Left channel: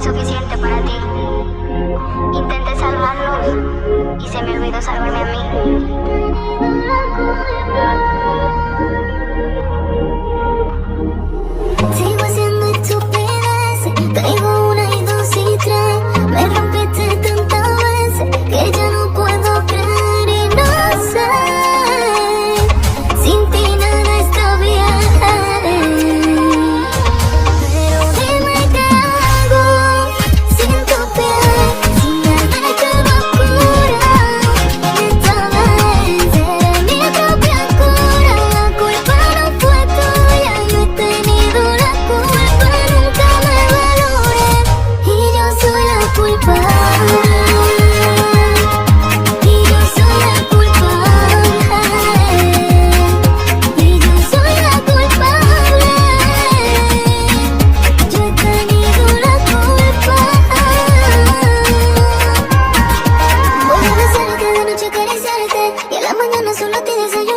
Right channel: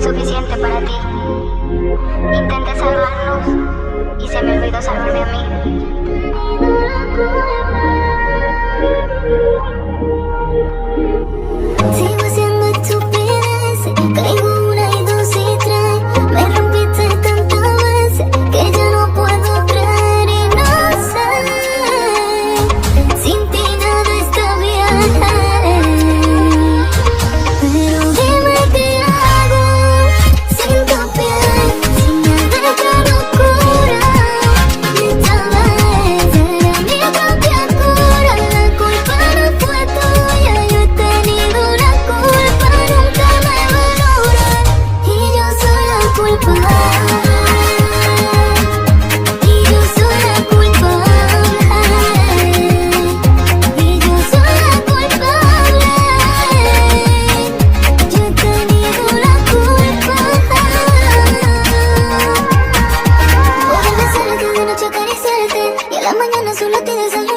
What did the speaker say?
fue suficiente para ti. Intenté salvarnos y se me olvidó salvarme a mí. Sigo haciendo estupideces, caigo una y dos y tres. Me rompiste tantas veces que ya no puedo creer y no sé. Sin ti nada está bien. Pero dime qué hago sin tu piel, sin nada que me cura. Esta vez era mi propia cura. La culpa no fue tuya, yo he tenido la culpa, nunca me valoré. Y yo soy la culpable. Y yo soy la culpable. Y yo soy la culpable. Yo he tenido la culpa. Voy a besarte de noche, acariciarte, y a la mañana solo te desayuno.